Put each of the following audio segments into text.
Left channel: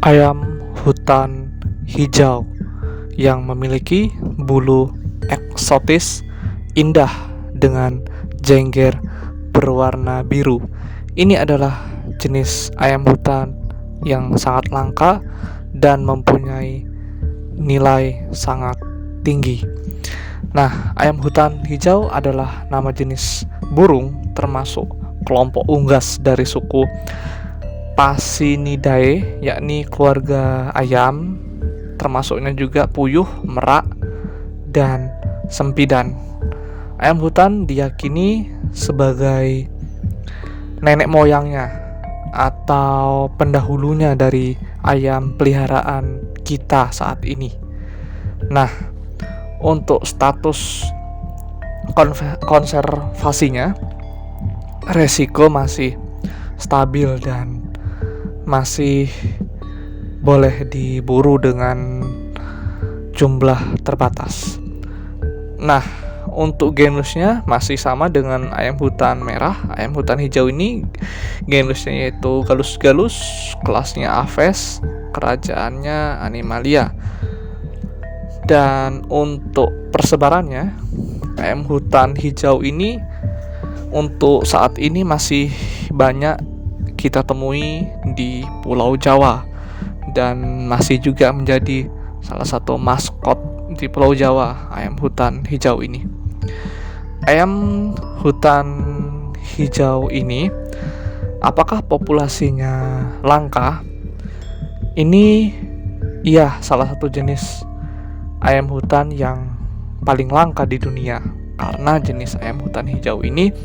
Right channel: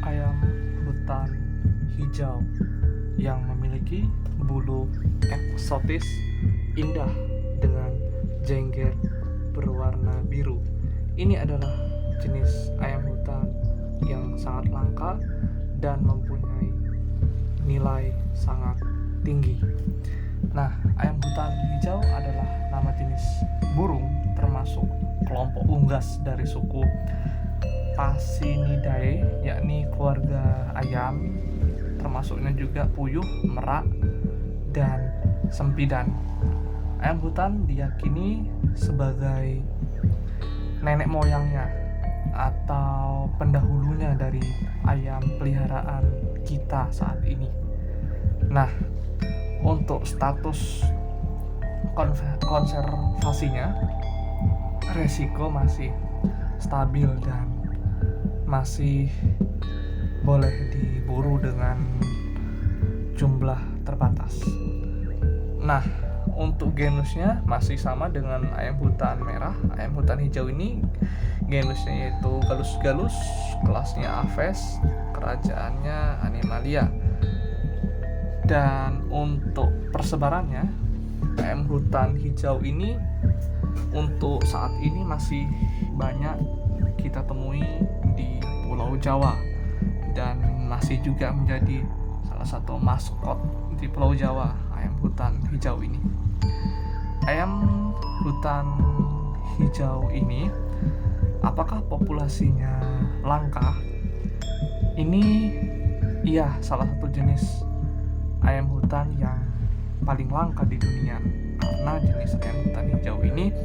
Ayam hutan hijau yang memiliki bulu eksotis indah dengan jengger berwarna biru. Ini adalah jenis ayam hutan yang sangat langka dan mempunyai nilai sangat tinggi. Nah, ayam hutan hijau adalah nama jenis burung termasuk kelompok unggas dari suku Pasinidae, yakni keluarga ayam, termasuknya juga puyuh, merak, dan sempidan. Ayam hutan diyakini sebagai nenek moyangnya atau pendahulunya dari ayam peliharaan kita saat ini. Nah, untuk status konservasinya, resiko masih stabil dan masih boleh diburu dengan jumlah terbatas. Nah, untuk genusnya masih sama dengan ayam hutan merah. Ayam hutan hijau ini genusnya yaitu Gallus gallus, kelasnya Aves, kerajaannya Animalia. Dan untuk persebarannya, ayam hutan hijau ini untuk saat ini masih banyak kita temui di Pulau Jawa dan masih juga menjadi salah satu maskot di Pulau Jawa, ayam hutan hijau ini. Ayam hutan hijau ini, apakah populasinya langka? Ini iya salah satu jenis ayam hutan yang paling langka di dunia, karena jenis ayam hutan hijau ini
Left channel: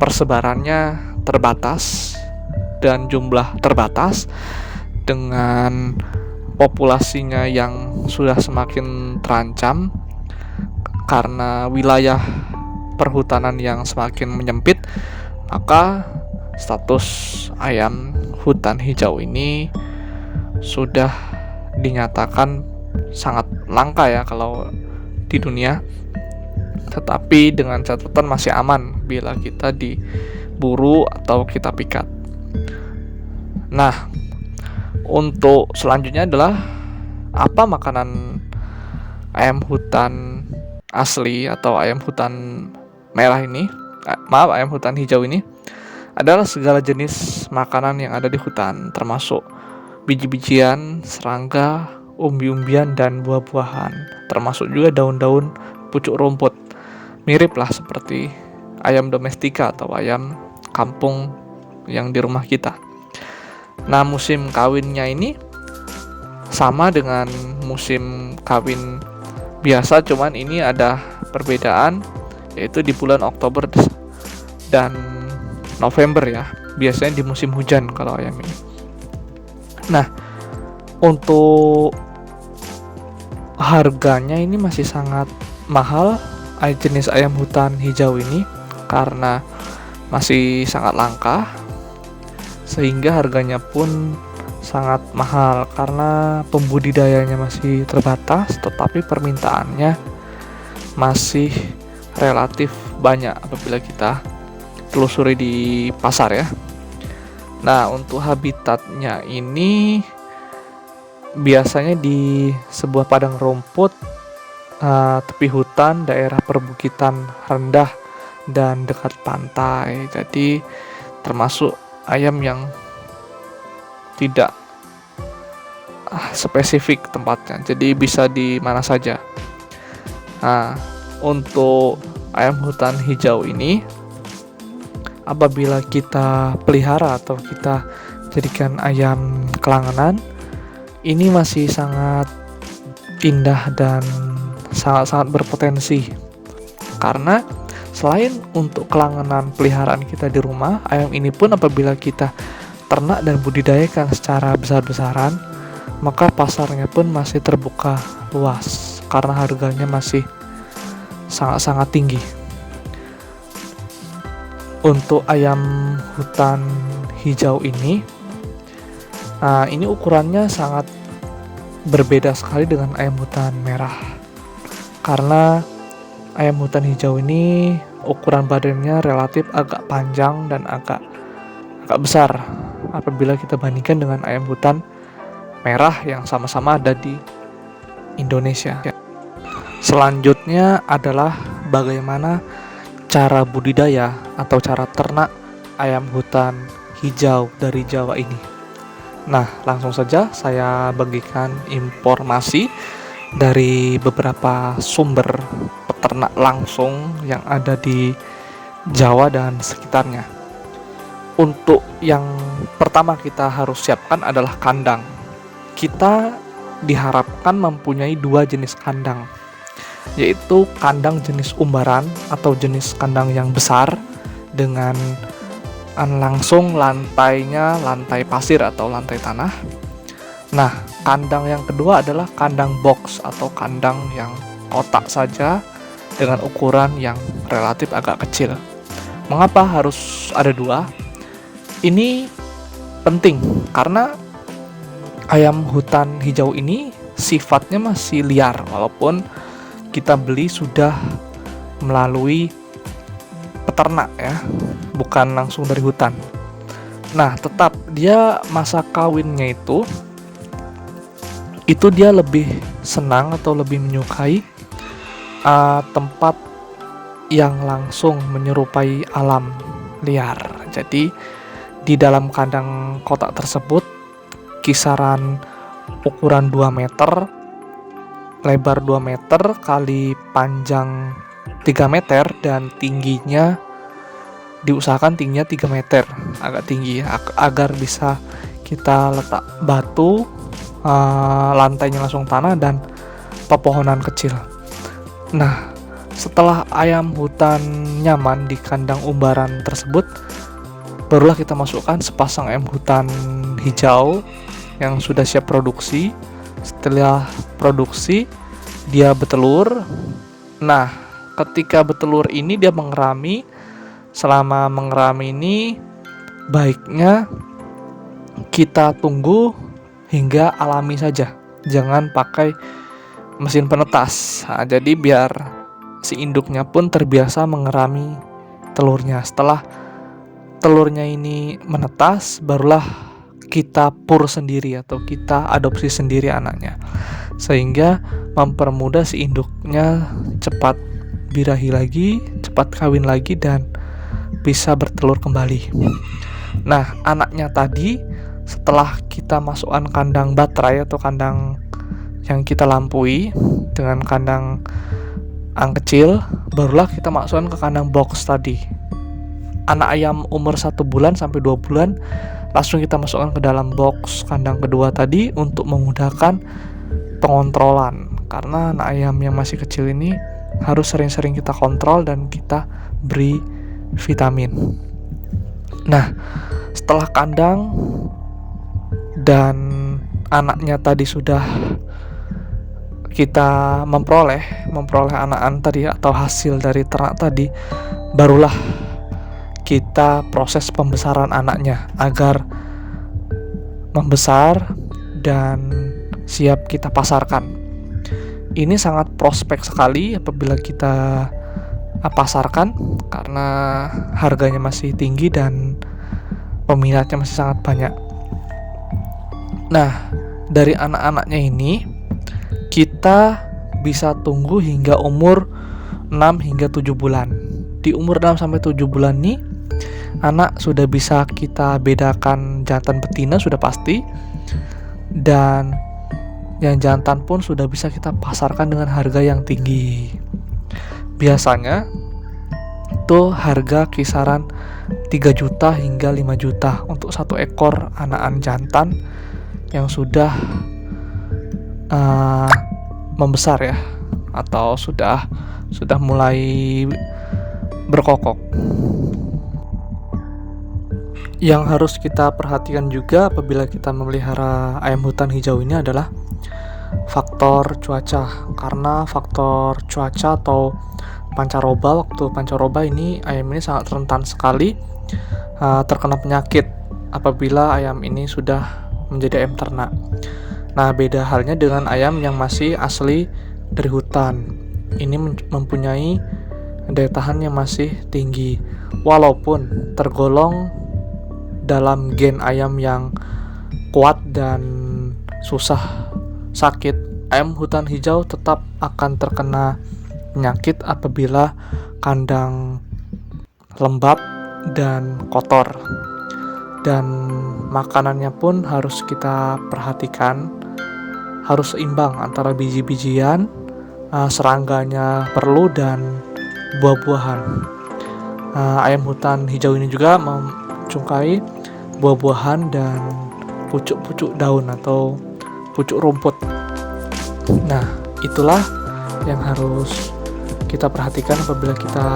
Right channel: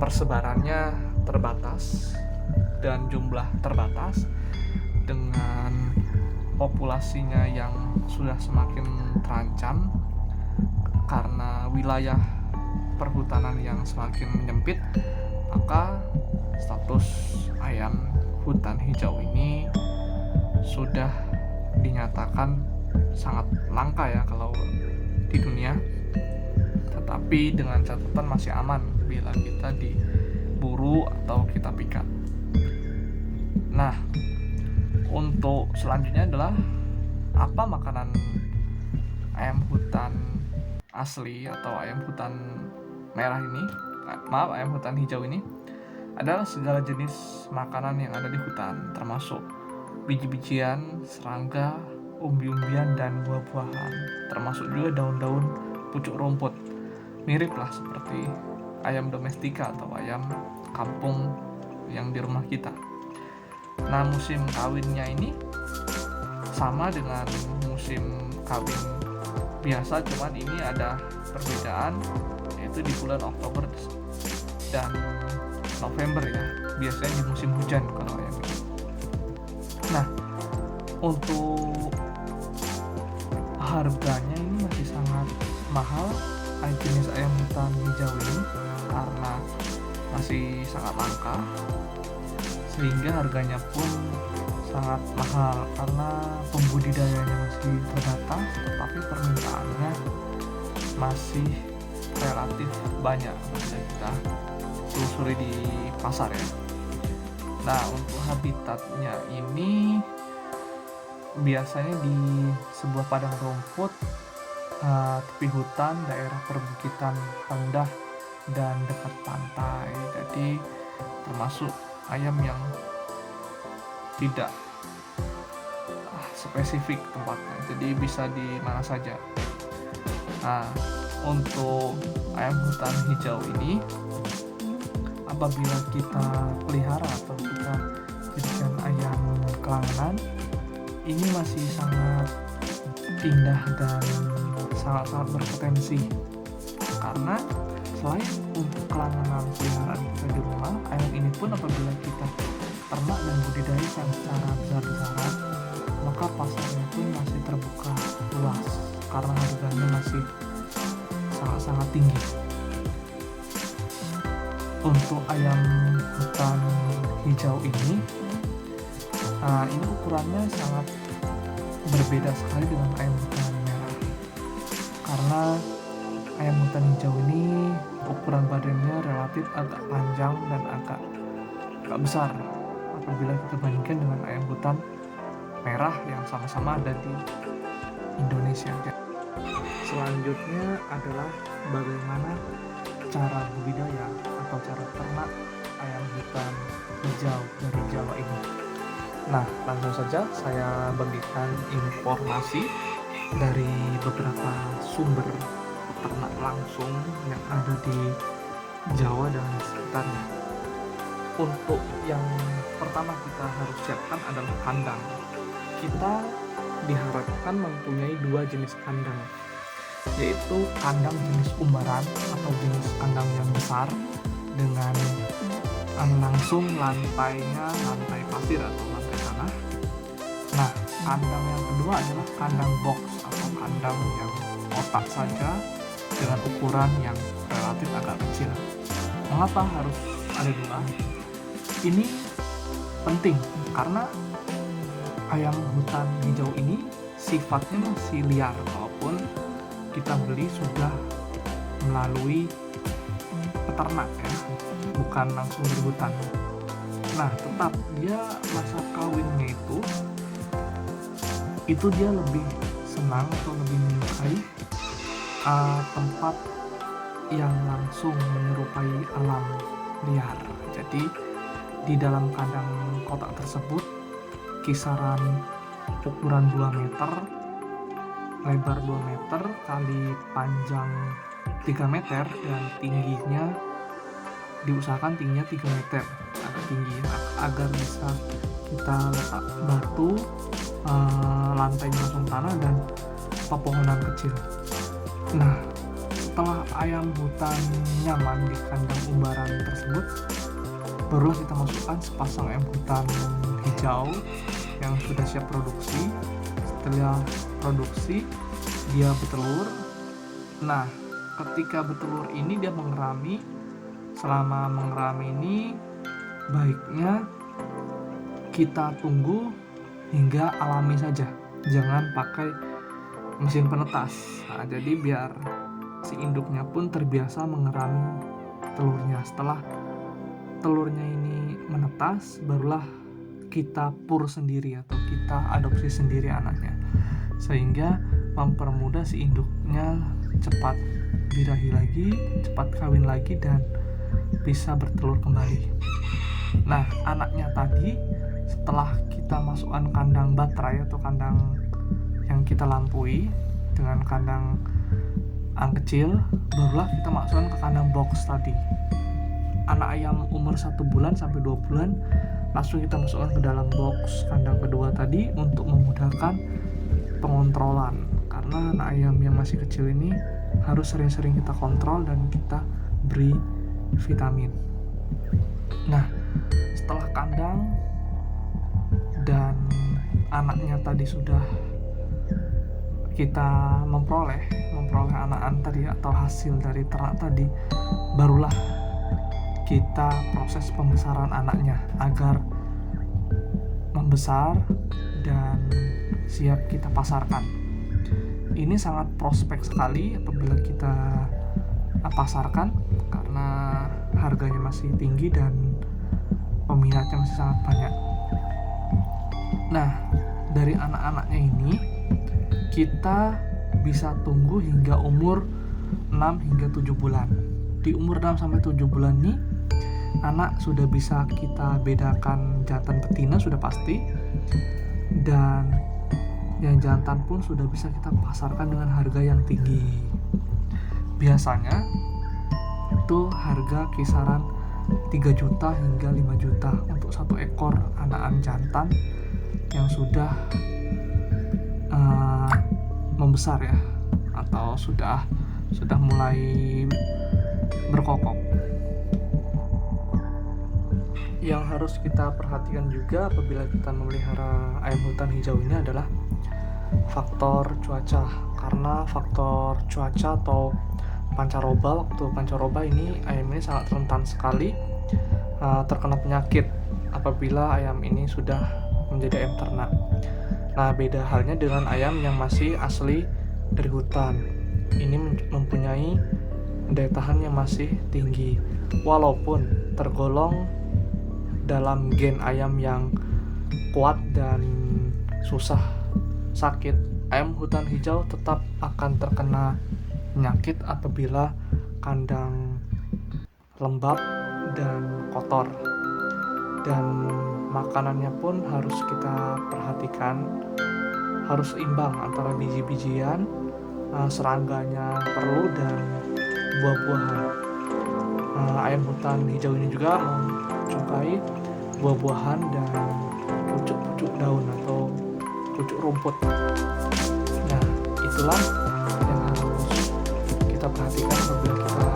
persebarannya terbatas dan jumlah terbatas, dengan populasinya yang sudah semakin terancam karena wilayah perhutanan yang semakin menyempit. Maka status ayam hutan hijau ini sudah dinyatakan sangat langka ya kalau di dunia, tetapi dengan catatan masih aman bila kita diburu atau kita pikat. Nah, untuk selanjutnya adalah apa makanan ayam hutan asli atau ayam hutan merah ini, ayam hutan hijau ini adalah segala jenis makanan yang ada di hutan, termasuk biji-bijian, serangga, umbi-umbian, dan buah-buahan, termasuk juga daun-daun, pucuk rumput. Mirip lah seperti ayam domestika atau ayam kampung yang di rumah kita. Nah, musim kawinnya ini sama dengan musim kawin biasa, cuman ini ada perbedaan, yaitu di bulan Oktober dan November ya. Biasanya di musim hujan kalau ayam ini. Nah, untuk harganya ini masih sangat mahal jenis ayam hutan hijau ini, karena masih sangat langka, sehingga harganya pun sangat mahal karena pembudidayanya masih terbatas, tetapi permintaannya masih relatif banyak apabila kita telusuri di pasar ya. Nah, untuk habitatnya ini biasanya di sebuah padang rumput, tepi hutan, daerah perbukitan rendah, dan dekat pantai. Jadi termasuk ayam yang tidak spesifik tempatnya, jadi bisa di mana saja. Nah, untuk ayam hutan hijau ini, apabila kita pelihara atau kita jadikan ayam kelanganan, ini masih sangat indah dan sangat-sangat berpotensi, karena selain untuk kelanganan peliharaan kita di rumah, ayam ini pun apabila kita ternak dan budidayakan secara besar-besaran, maka pasarnya pun masih terbuka luas karena harganya masih sangat-sangat tinggi. Untuk ayam hutan hijau ini ukurannya sangat berbeda sekali dengan ayam hutan merah, karena ayam hutan hijau ini ukuran badannya relatif agak panjang dan agak besar apabila kita bandingkan dengan ayam hutan merah yang sama-sama ada di Indonesia. Selanjutnya adalah bagaimana cara budidaya atau cara ternak ayam hutan hijau dari Jawa ini. Nah, langsung saja saya bagikan informasi dari beberapa sumber peternak langsung yang ada di Jawa dan sekitarnya. Untuk yang pertama kita harus siapkan adalah kandang. Kita diharapkan mempunyai 2 jenis kandang, yaitu kandang jenis umbaran atau jenis kandang yang besar dengan langsung lantainya lantai pasir atau lantai tanah. Nah, kandang yang kedua adalah kandang box atau kandang yang kotak saja dengan ukuran yang relatif agak kecil. Mengapa harus ada 2? Ini penting karena ayam hutan hijau ini sifatnya masih liar walaupun kita beli sudah melalui peternak ya, bukan langsung dari hutan. Nah, tetap dia masa kawinnya itu dia lebih senang atau lebih menyukai tempat yang langsung menyerupai alam liar. Jadi di dalam kandang kotak tersebut kisaran ukuran 2 meter, lebar 2 meter kali panjang 3 meter dan tingginya diusahakan tingginya 3 meter, agak tinggi agar bisa kita letak batu, lantainya langsung tanah dan pepohonan kecil. Nah, setelah ayam hutan nyaman di kandang umbaran tersebut, barulah kita masukkan sepasang ayam hutan hijau yang sudah siap produksi. Setelah produksi, dia bertelur. Nah, ketika bertelur ini dia mengerami. Selama mengerami ini, baiknya kita tunggu hingga alami saja, jangan pakai mesin penetas. Nah, jadi biar si induknya pun terbiasa mengerami telurnya. Setelah telurnya ini menetas, barulah kita pur sendiri atau kita adopsi sendiri anaknya, sehingga mempermudah si induknya cepat birahi lagi, cepat kawin lagi dan bisa bertelur kembali. Nah, anaknya tadi setelah kita masukkan kandang baterai atau kandang yang kita lampaui dengan kandang ang kecil, barulah kita masukkan ke kandang box tadi. Anak ayam umur 1 bulan sampai 2 bulan langsung kita masukkan ke dalam box kandang kedua tadi untuk memudahkan pengontrolan, karena anak ayam yang masih kecil ini harus sering-sering kita kontrol dan kita beri vitamin. Nah, setelah kandang dan anaknya tadi sudah kita memperoleh anak-anak tadi atau hasil dari ternak tadi, barulah kita proses pembesaran anaknya agar membesar dan siap kita pasarkan. Ini sangat prospek sekali apabila kita pasarkan karena harganya masih tinggi dan peminatnya masih sangat banyak. Nah, dari anak-anaknya ini kita bisa tunggu hingga umur 6 hingga 7 bulan. Di umur 6 sampai 7 bulan ini anak sudah bisa kita bedakan jantan betina sudah pasti, dan yang jantan pun sudah bisa kita pasarkan dengan harga yang tinggi. Biasanya itu harga kisaran 3 juta hingga 5 juta untuk 1 ekor anakan jantan yang sudah membesar ya, atau sudah mulai berkokok. Yang harus kita perhatikan juga apabila kita memelihara ayam hutan hijau ini adalah faktor cuaca, karena faktor cuaca atau pancaroba, waktu pancaroba ini ayam ini sangat rentan sekali terkena penyakit apabila ayam ini sudah menjadi ayam ternak. Nah, beda halnya dengan ayam yang masih asli dari hutan. Ini mempunyai daya tahan yang masih tinggi, walaupun tergolong dalam gen ayam yang kuat dan susah sakit, ayam hutan hijau tetap akan terkena penyakit apabila kandang lembab dan kotor. Dan makanannya pun harus kita perhatikan, harus seimbang antara biji-bijian, serangganya perlu, dan buah-buahan. Ayam hutan hijau ini juga mencungkai buah-buahan dan pucuk-pucuk daun atau pucuk rumput. Nah, itulah yang harus kita perhatikan apabila kita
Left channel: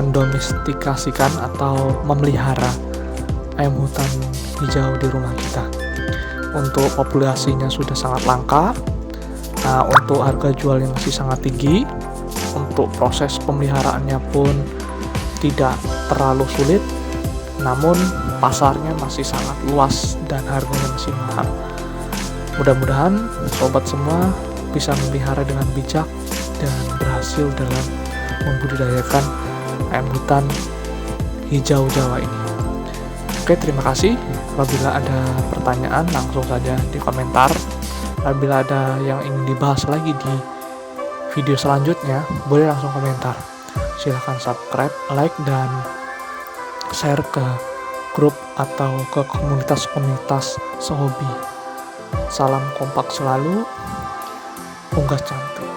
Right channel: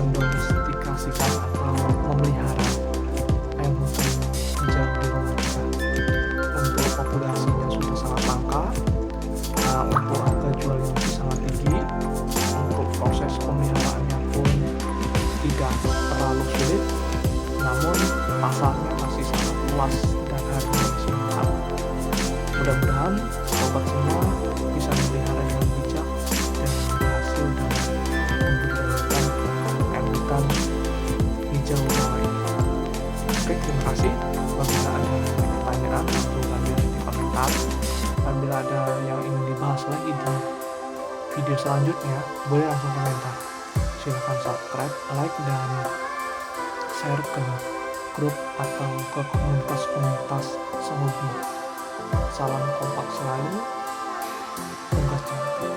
mendomestikasikan atau memelihara ayam hutan hijau di rumah kita. Untuk populasinya sudah sangat langka, untuk harga jualnya masih sangat tinggi, untuk proses pemeliharaannya pun tidak terlalu sulit, namun pasarnya masih sangat luas dan harganya masih mahal. Mudah-mudahan sobat semua bisa memelihara dengan bijak dan berhasil dalam membudidayakan ayam hutan hijau Jawa ini. Oke, terima kasih. Apabila ada pertanyaan langsung saja di komentar. Apabila ada yang ingin dibahas lagi di video selanjutnya, boleh langsung komentar. Silahkan subscribe, like, dan share ke grup atau ke komunitas-komunitas sehobi. Salam kompak selalu, unggas cantik.